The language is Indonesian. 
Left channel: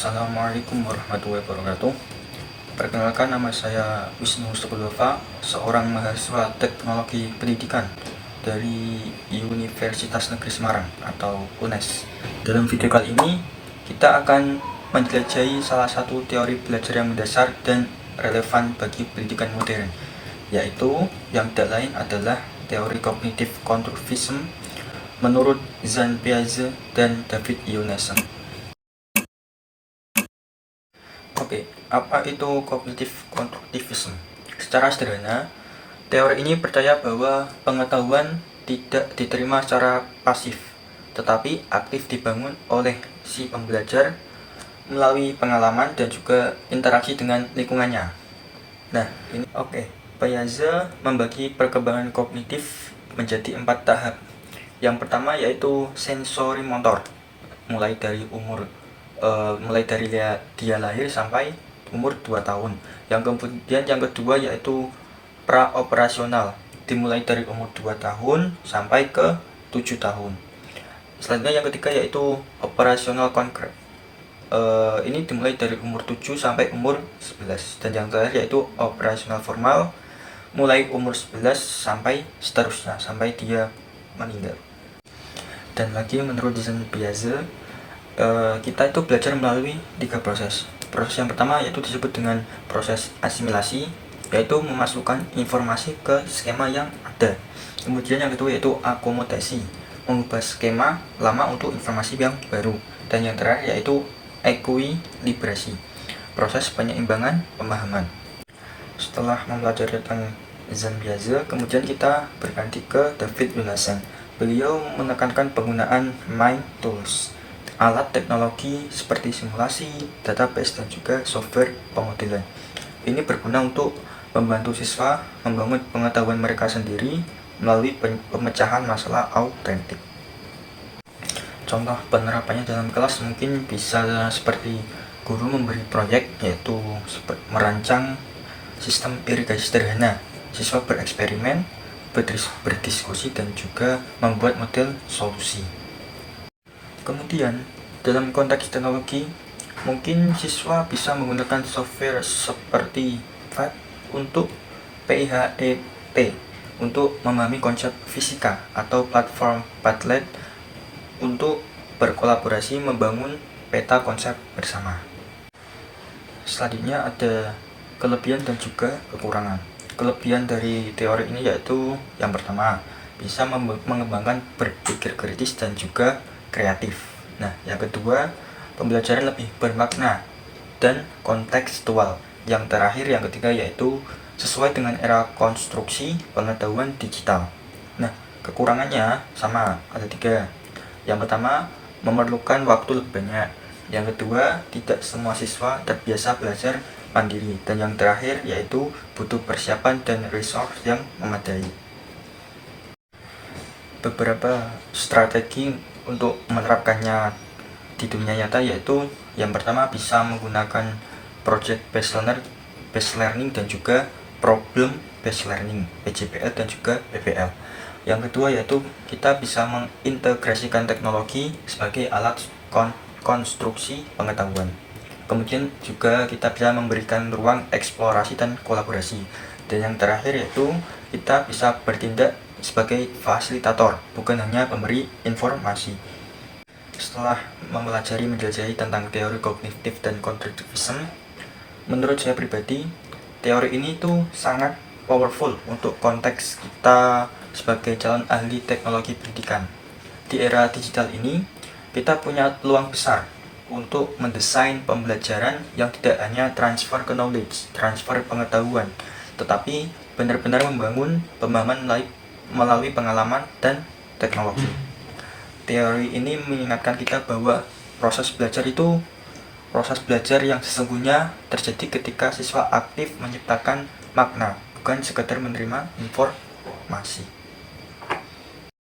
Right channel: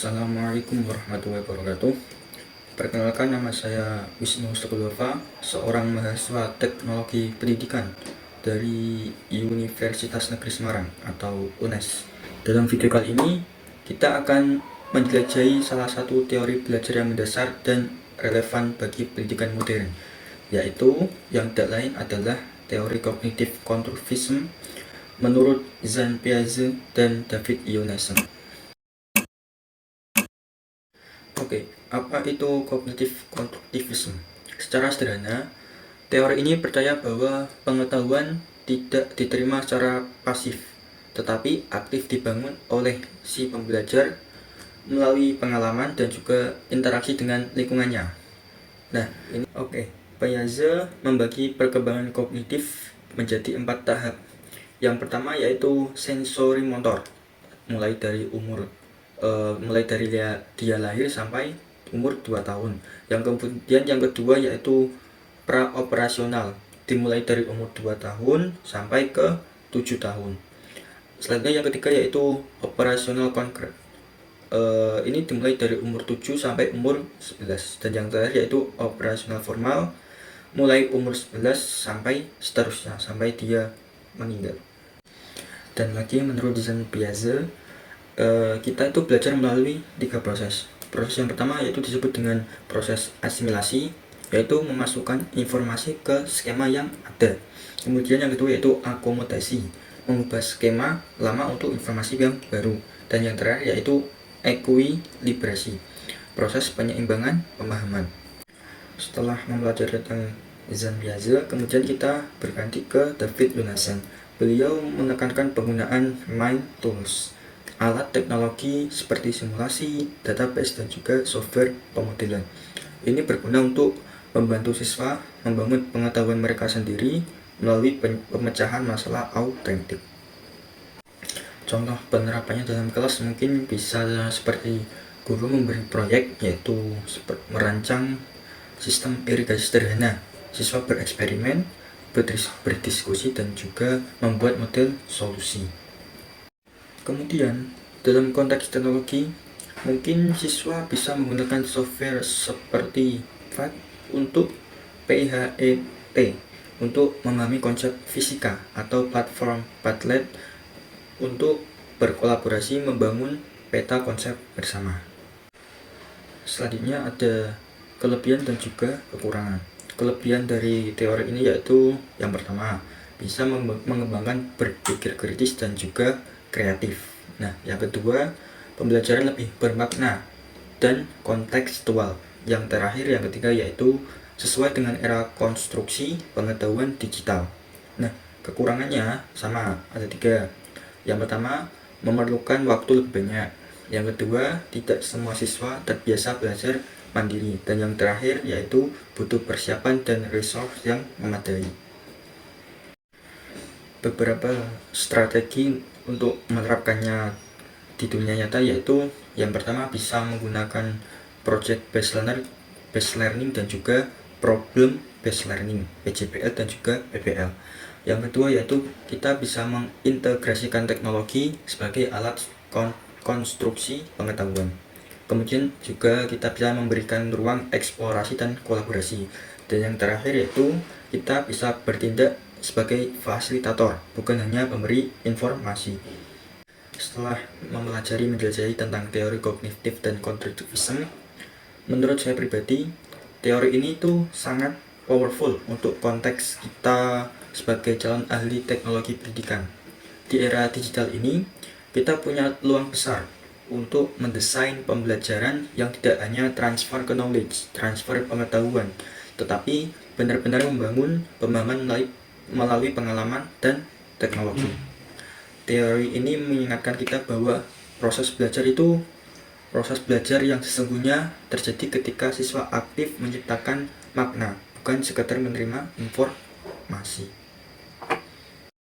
Assalamualaikum warahmatullahi wabarakatuh. Perkenalkan, nama saya Wisnu Sukudova, seorang mahasiswa teknologi pendidikan dari Universitas Negeri Semarang atau UNES. Dalam video kali ini, kita akan menjelajahi salah satu teori belajar yang mendasar dan relevan bagi pendidikan modern, yaitu yang tidak lain adalah teori kognitif konstruktivisme menurut Jean Piaget dan David Emerson. Oke, apa itu kognitif konstruktivisme? Secara sederhana, teori ini percaya bahwa pengetahuan tidak diterima secara pasif, tetapi aktif dibangun oleh si pembelajar melalui pengalaman dan juga interaksi dengan lingkungannya. Nah, ini Piaget membagi perkembangan kognitif menjadi 4 tahap. Yang pertama yaitu sensori motor, mulai dari dia lahir sampai umur 2 tahun. Kemudian yang kedua yaitu praoperasional, dimulai dari umur 2 tahun sampai ke 7 tahun. Selanjutnya yang ketiga yaitu operasional konkret. Ini dimulai dari umur 7 sampai umur 11. Dan yang terakhir yaitu operasional formal, mulai umur 11 sampai seterusnya, sampai dia meninggal. Dan lagi menurut Jean Piaget, kita itu belajar melalui 3 proses. Proses yang pertama yaitu disebut dengan proses asimilasi, yaitu memasukkan informasi ke skema yang ada. Kemudian yang kedua yaitu akomodasi, mengubah skema lama untuk informasi yang baru. Dan yang terakhir yaitu ekuilibrasi, proses penyeimbangan pemahaman. Setelah mempelajari tentang Jean Piaget, kemudian kita berganti ke David Emerson. Beliau menekankan penggunaan mind tools, alat teknologi seperti simulasi, database, dan juga software pemodelan. Ini berguna untuk membantu siswa membangun pengetahuan mereka sendiri melalui pemecahan masalah autentik. Contoh penerapannya dalam kelas mungkin bisa seperti guru memberi proyek, yaitu merancang sistem irigasi sederhana, siswa bereksperimen, berdiskusi, dan juga membuat model solusi. Kemudian, dalam konteks teknologi, mungkin siswa bisa menggunakan software seperti PHET untuk PIHET untuk memahami konsep fisika, atau platform Padlet untuk berkolaborasi membangun peta konsep bersama. Selanjutnya ada kelebihan dan juga kekurangan. Kelebihan dari teori ini yaitu yang pertama, bisa mengembangkan berpikir kritis dan juga kreatif. Nah, yang kedua, pembelajaran lebih bermakna dan kontekstual. Yang terakhir, yang ketiga yaitu sesuai dengan era konstruksi pengetahuan digital. Nah, kekurangannya sama, ada 3. Yang pertama, memerlukan waktu lebih banyak. Yang kedua, tidak semua siswa terbiasa belajar mandiri. Dan yang terakhir yaitu butuh persiapan dan resource yang memadai. Beberapa strategi untuk menerapkannya di dunia nyata yaitu yang pertama, bisa menggunakan project based learning dan juga problem based learning, PJBL dan juga PBL. Yang kedua yaitu kita bisa mengintegrasikan teknologi sebagai alat konstruksi pengetahuan. Kemudian juga kita bisa memberikan ruang eksplorasi dan kolaborasi. Dan yang terakhir yaitu kita bisa bertindak sebagai fasilitator, bukan hanya pemberi informasi. Setelah menjelajahi tentang teori kognitif dan konstruktivisme, menurut saya pribadi, teori ini tuh sangat powerful untuk konteks kita sebagai calon ahli teknologi pendidikan. Di era digital ini, kita punya peluang besar untuk mendesain pembelajaran yang tidak hanya transfer knowledge, transfer pengetahuan, tetapi benar-benar membangun pemahaman melalui pengalaman dan teknologi. Teori ini mengingatkan kita bahwa proses belajar itu proses belajar yang sesungguhnya terjadi ketika siswa aktif menciptakan makna, bukan sekedar menerima informasi.